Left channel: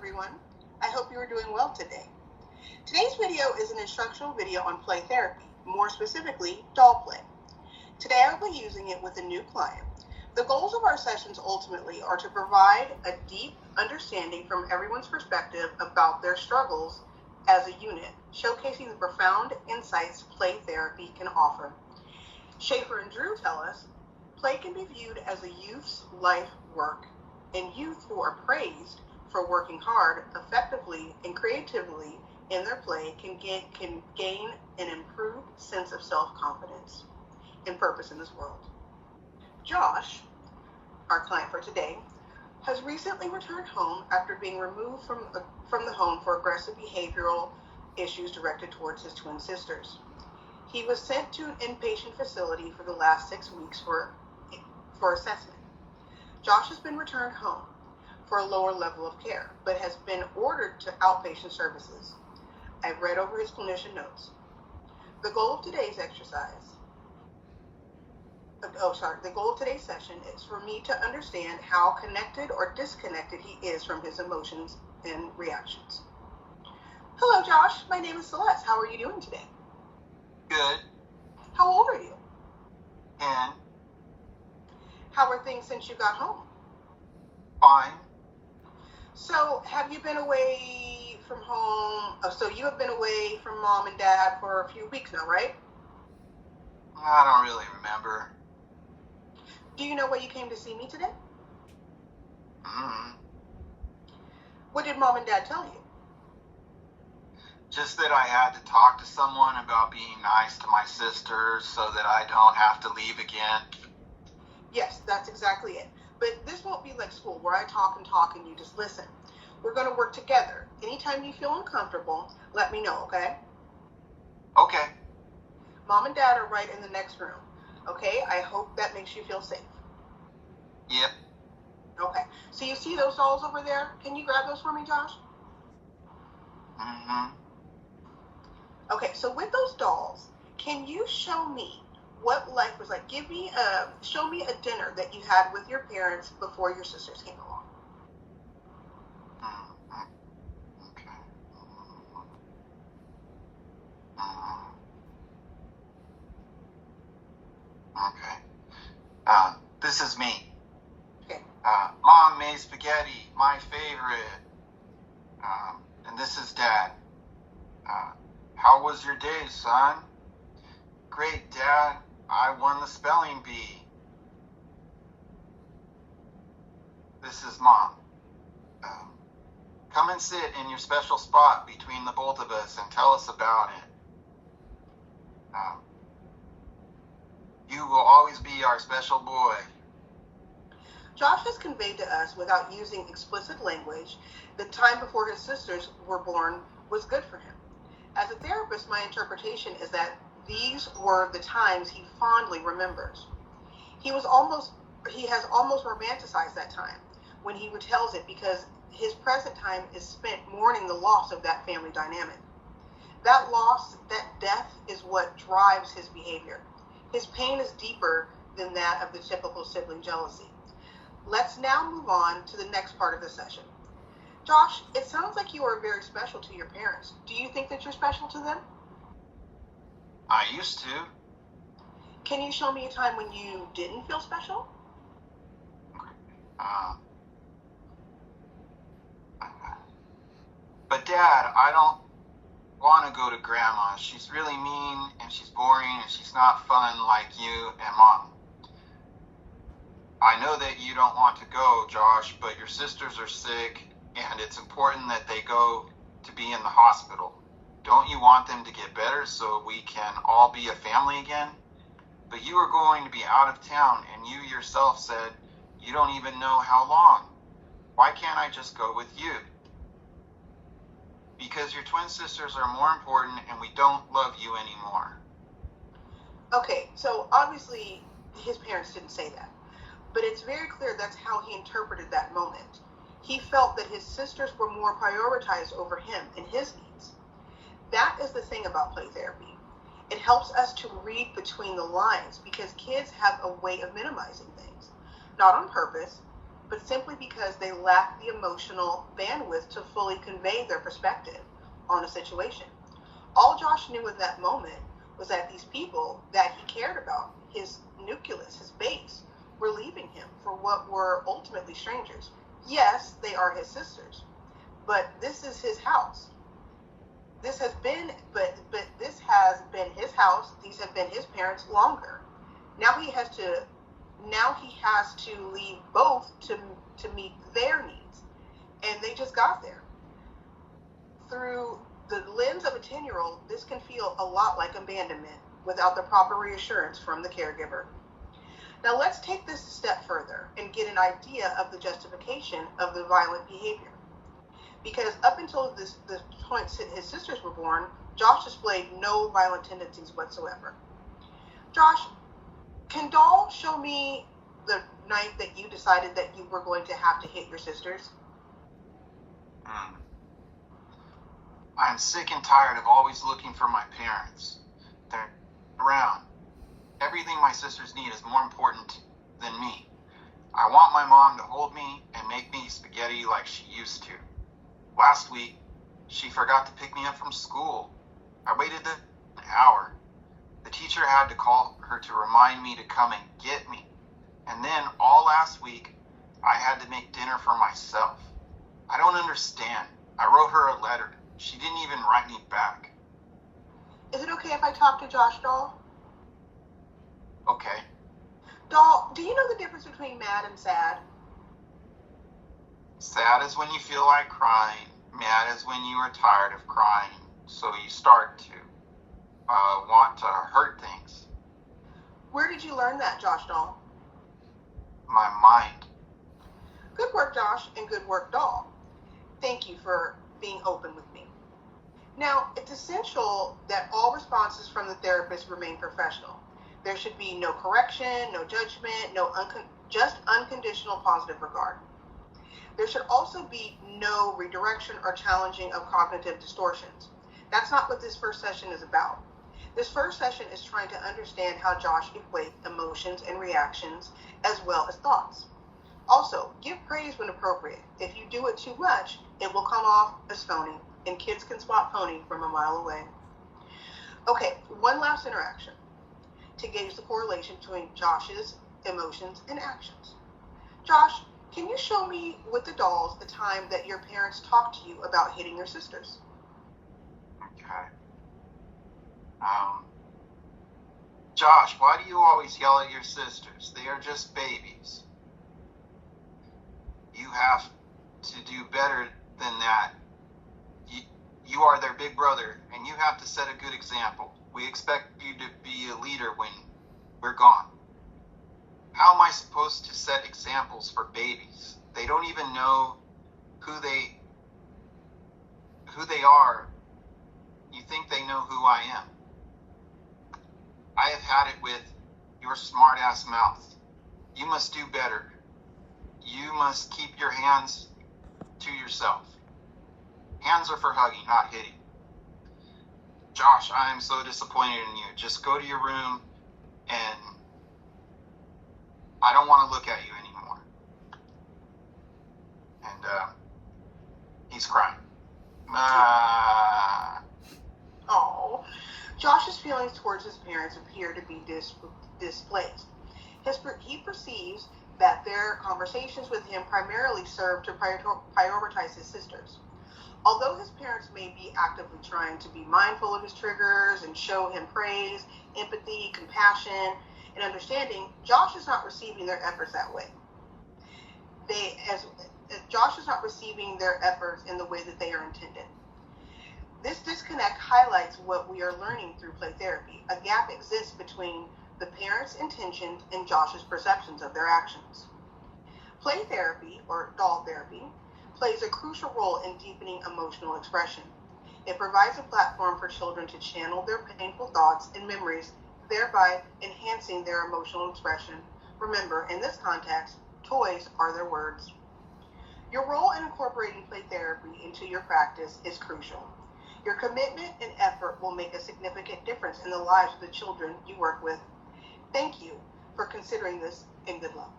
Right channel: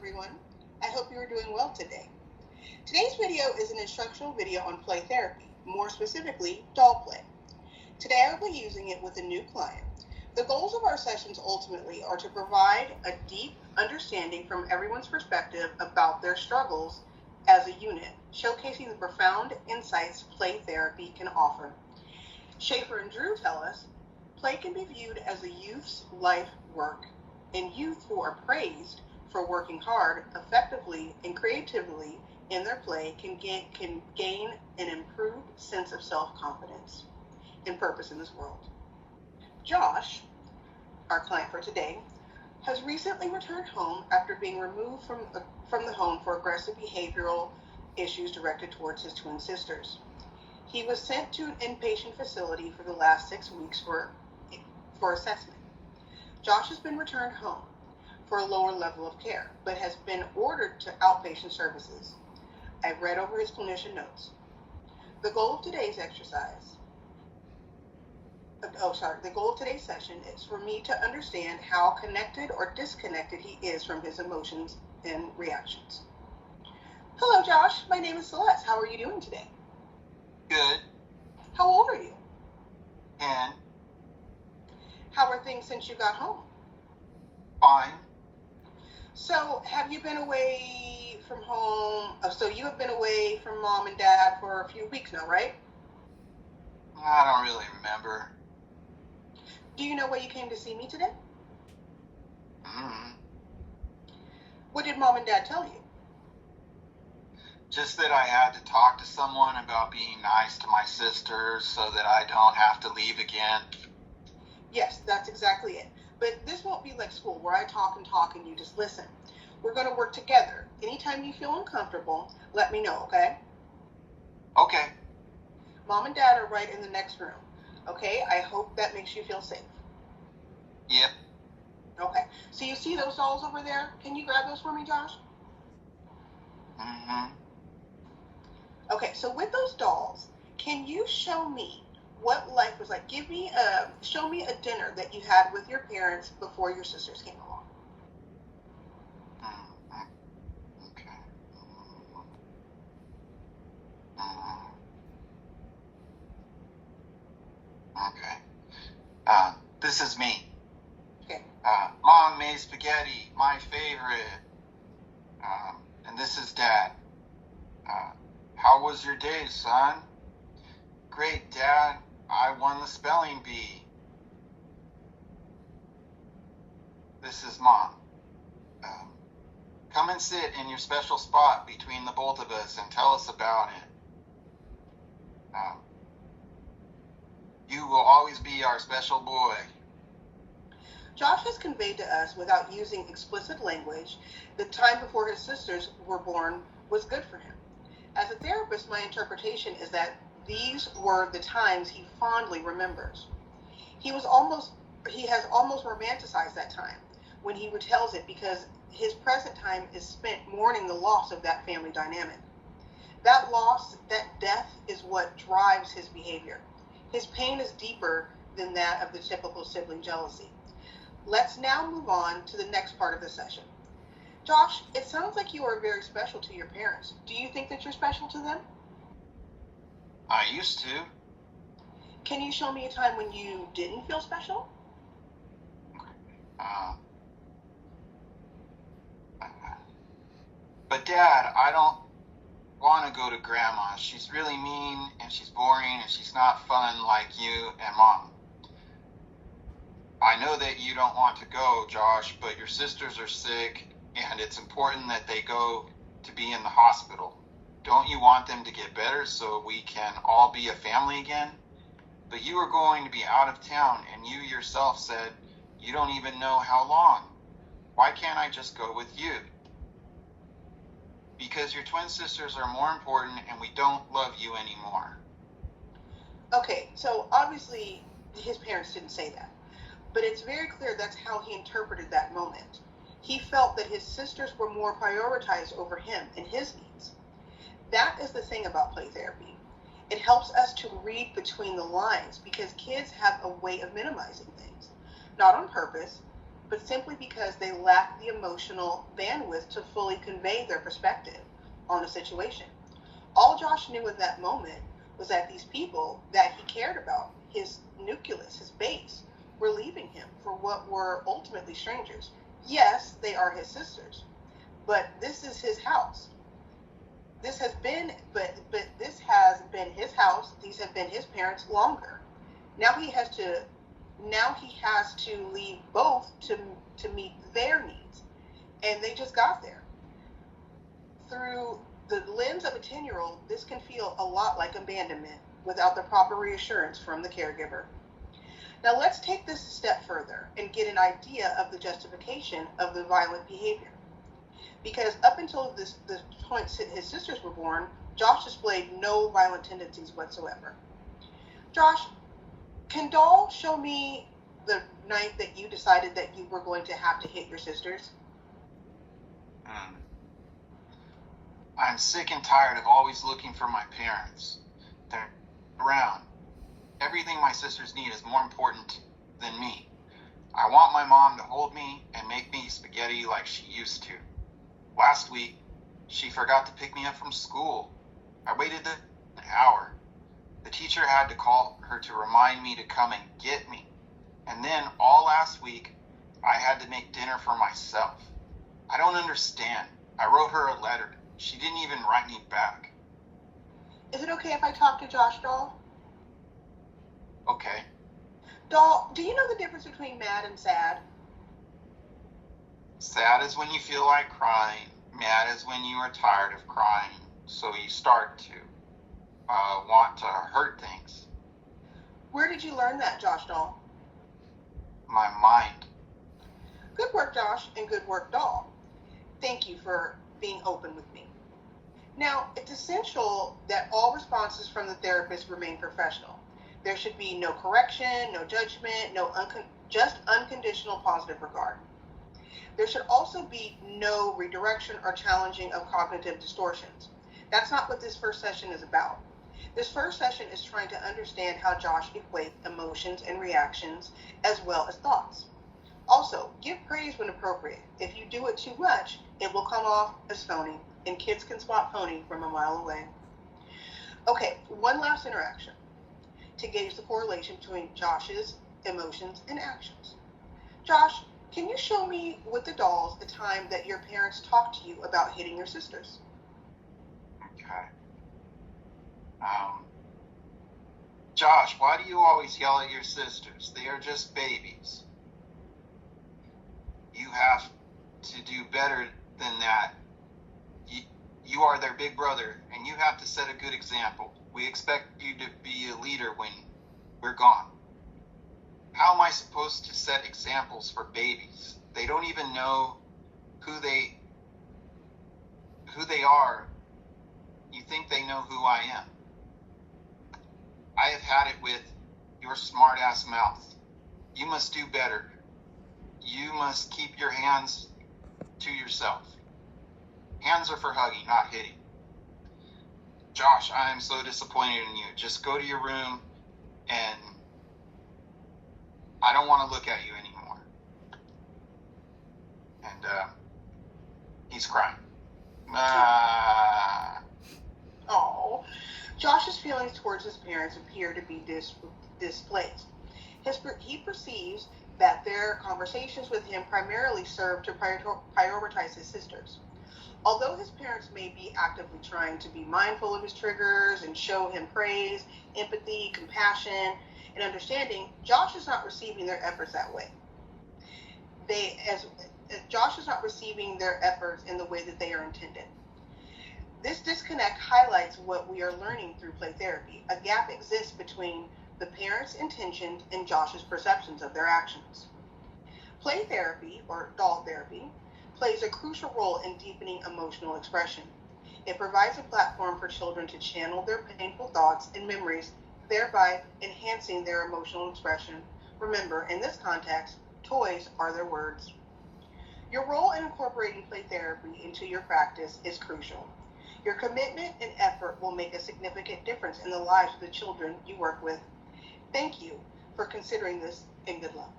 everyone. I hope you are doing well today. Today's video is an instructional video on play therapy, more specifically, doll play. Today I will be using it with a new client. The goals of our sessions ultimately are to provide a deep understanding from everyone's perspective about their struggles as a unit, showcasing the profound insights play therapy can offer. Schaefer and Drew tell us, play can be viewed as a youth's life work, and youth who are praised for working hard, effectively, and creatively in their play can gain an improved sense of self-confidence and purpose in this world. Josh, our client for today, has recently returned home after being removed from the home for aggressive behavioral issues directed towards his twin sisters. He was sent to an inpatient facility for the last 6 weeks for assessment. Josh has been returned home for a lower level of care, but has been ordered to outpatient services. I've read over his clinician notes. The goal of today's session is for me to understand how connected or disconnected he is from his emotions and reactions. Hello, Josh. My name is Celeste. How are you doing today? Good. How old are you? 10. How are things since you got home? Fine. So, have you been away from home? So you have been away from mom and dad for a few weeks now, right? I don't really remember. Do you know why you came to see me today? What did mom and dad tell you? Just that I had to talk to someone about being nice to my sisters so that I don't have to leave again. Yes, that's exactly it. But this won't be like school where I talk and you just listen. We're going to work together. Anytime you feel uncomfortable, let me know, okay? Okay. Mom and dad are right in the next room, okay? I hope that makes you feel safe. Yep. Okay. So you see those dolls over there? Can you grab those for me, Josh? Okay, so with those dolls, can you show me what life was like? Show me a dinner that you had with your parents before your sisters came along. Okay. This is me. Okay. Mom made spaghetti, my favorite. And this is Dad. How was your day, son? Great, Dad. I won the spelling bee. This is Mom. Come and sit in your special spot between the both of us and tell us about it. You will always be our special boy. Josh has conveyed to us, without using explicit language, the time before his sisters were born was good for him. As a therapist, my interpretation is that these were the times he fondly remembers. He has almost romanticized that time when he retells it, because his present time is spent mourning the loss of that family dynamic. That loss, that death, is what drives his behavior. His pain is deeper than that of the typical sibling jealousy. Let's now move on to the next part of the session. Josh, it sounds like you are very special to your parents. Do you think that you're special to them? I used to. Can you show me a time when you didn't feel special? But Dad, I don't want to go to Grandma. She's really mean, and she's boring, and she's not fun like you and Mom. I know that you don't want to go, Josh, but your sisters are sick, and it's important that they go to be in the hospital. Don't you want them to get better so we can all be a family again? But you are going to be out of town, and you yourself said you don't even know how long. Why can't I just go with you? Because your twin sisters are more important, and we don't love you anymore. Okay, so obviously his parents didn't say that, but it's very clear that's how he interpreted that moment. He felt that his sisters were more prioritized over him and his needs. That is the thing about play therapy. It helps us to read between the lines, because kids have a way of minimizing things. Not on purpose, but simply because they lacked the emotional bandwidth to fully convey their perspective on the situation. All Josh knew in that moment was that these people that he cared about, his nucleus, his base, were leaving him for what were ultimately strangers. Yes, they are his sisters, but this is his house. This has been, but this has been his house. These have been his parents longer. Now he has to leave both to meet their needs, and they just got there. Through the lens of a 10-year-old, this can feel a lot like abandonment without the proper reassurance from the caregiver. Now let's take this a step further and get an idea of the justification of the violent behavior. Because up until this point his sisters were born, Josh displayed no violent tendencies whatsoever. Josh, can Doll show me the night that you decided that you were going to have to hit your sisters? I'm sick and tired of always looking for my parents. They're around. Everything my sisters need is more important than me. I want my mom to hold me and make me spaghetti like she used to. Last week, she forgot to pick me up from school. I waited an hour. The teacher had to call her to remind me to come and get me. And then all last week, I had to make dinner for myself. I don't understand. I wrote her a letter. She didn't even write me back. Is it okay if I talk to Josh, Doll? Okay. Doll, do you know the difference between mad and sad? Sad is when you feel like crying. Mad is when you are tired of crying. So you start to want to hurt things. Where did you learn that, Josh Doll? My mind. Good work, Josh, and good work, Doll. Thank you for being open with me. Now, it's essential that all responses from the therapist remain professional. There should be no correction, no judgment, just unconditional positive regard. There should also be no redirection or challenging of cognitive distortions. That's not what this first session is about. This first session is trying to understand how Josh equates emotions and reactions as well as thoughts. Also, give praise when appropriate. If you do it too much, it will come off as phony, and kids can spot phony from a mile away. Okay, one last interaction to gauge the correlation between Josh's emotions and actions. Josh, can you show me with the dolls the time that your parents talked to you about hitting your sisters? Okay. Josh, why do you always yell at your sisters? They are just babies. You have to do better than that. You are their big brother, and you have to set a good example. We expect you to be a leader when we're gone. How am I supposed to set examples for babies? They don't even know who they are. You think they know who I am. I have had it with your smart-ass mouth. You must do better. You must keep your hands to yourself. Hands are for hugging, not hitting. Josh, I am so disappointed in you. Just go to your room, and I don't want to look at you anymore. And he's crying. Oh, Josh's feelings towards his parents appear to be displaced. He perceives that their conversations with him primarily serve to prioritize his sisters. Although his parents may be actively trying to be mindful of his triggers and show him praise, empathy, compassion, and understanding, Josh is not receiving their efforts that way. Josh is not receiving their efforts in the way that they are intended. This disconnect highlights what we are learning through play therapy. A gap exists between the parents' intentions and Josh's perceptions of their actions. Play therapy, or doll therapy, plays a crucial role in deepening emotional expression. It provides a platform for children to channel their painful thoughts and memories, thereby enhancing their emotional expression. Remember, in this context, toys are their words. Your role in incorporating play therapy into your practice is crucial. Your commitment and effort will make a significant difference in the lives of the children you work with. Thank you for considering this, and good luck.